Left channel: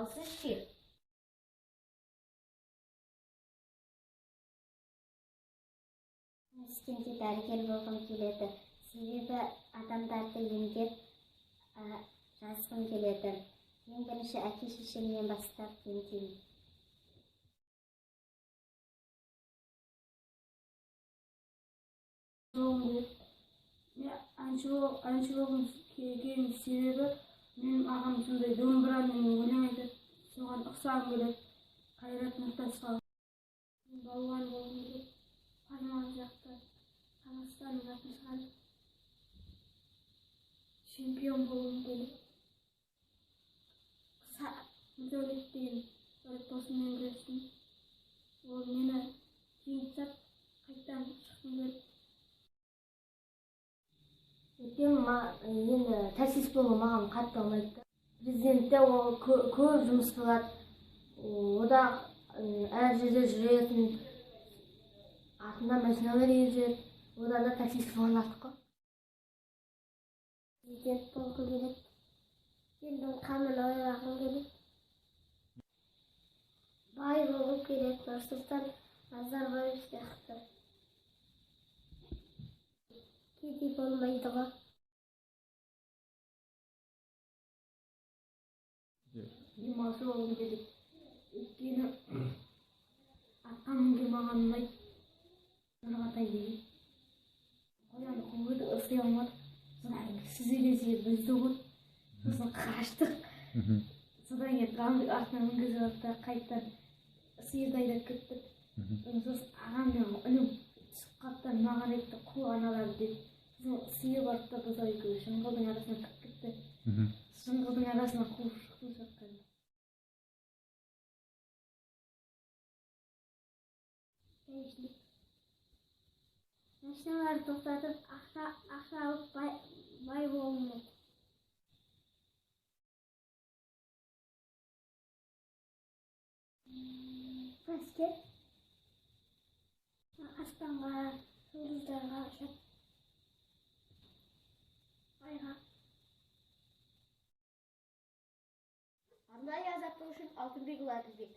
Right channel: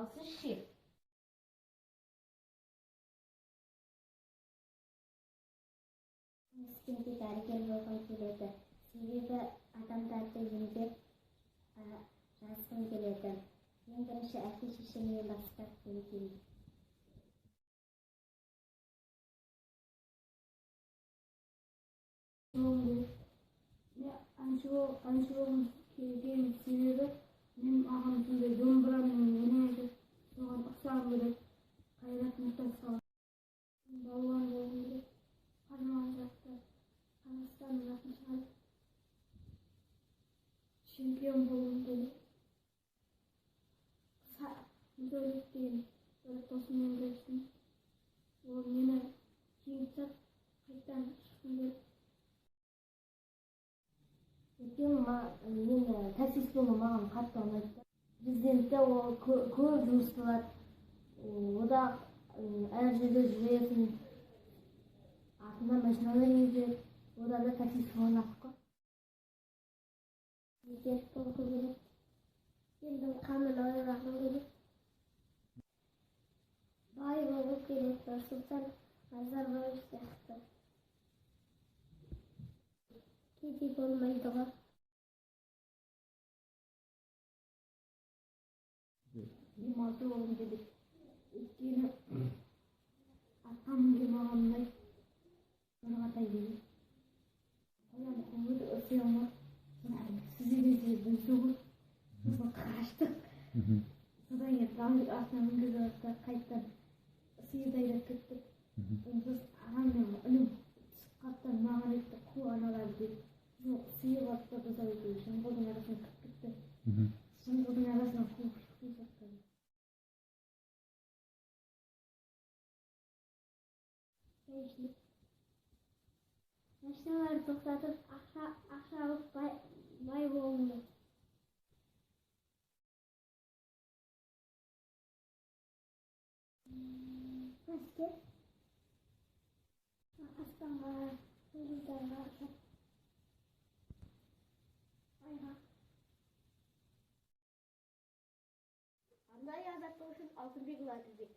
Ал сизчи? Ешкімге дәрігер болғым келеді. Себебі адамдарды емдеп жазғым келеді. Ең бірінші әке-шешемнен бастап емдеймін. Әнші болғым келген себебі менің ағам сондай домбырамен өлең айтады. Соған ұқсағым келеді. Қайрат Нұртасқа. Балуан болғым келеді. Палуан жақта Қазақстанның атын шығарып чемпион болғым келеді. Мүдәулет деген бір досыммен күрестім. Ол мені жеңіп қайтадан шыққым келді. Енді таксист болу маған қатты ұнайды. Президентте ол көп жұмыс қылады. Ода әр жерде жүретін, артында машиналар жүреді. Ода да таксист болған артық қой. Президент болғым келеді. Елдің қамын ойлағым келеді. Бай болғым келеді. Нұрсұлтан Назарбаев сияқты. Кедей болмайды ғой. Демалшы болғым келеді. Өйткені атқа мінген маған ұнайды. Нұрғатай деген. Қоян қойды ұрсай алмады. Сүзеге бізді ғой. Сосын қаштық. Содан кейін қамдық артына мінгізіп алды, қайттан сиырды айдап кеттік. Сосын ағаммен үнім түсіп қалды, маған айтты, қу аналарды деп. Сосын сиыр барды да біз екеуі жыңғылдың арасына кіріп кетті. Жыңғылдың арасына қуып шықтым жатқан. Машиналарды тоқтатып, ақша алып бай болғым келеді. Әскер аспанға, жұлдыздарға ұшып, айға. Арнайы азаттық үшін Алтынбекұлы Әділбек.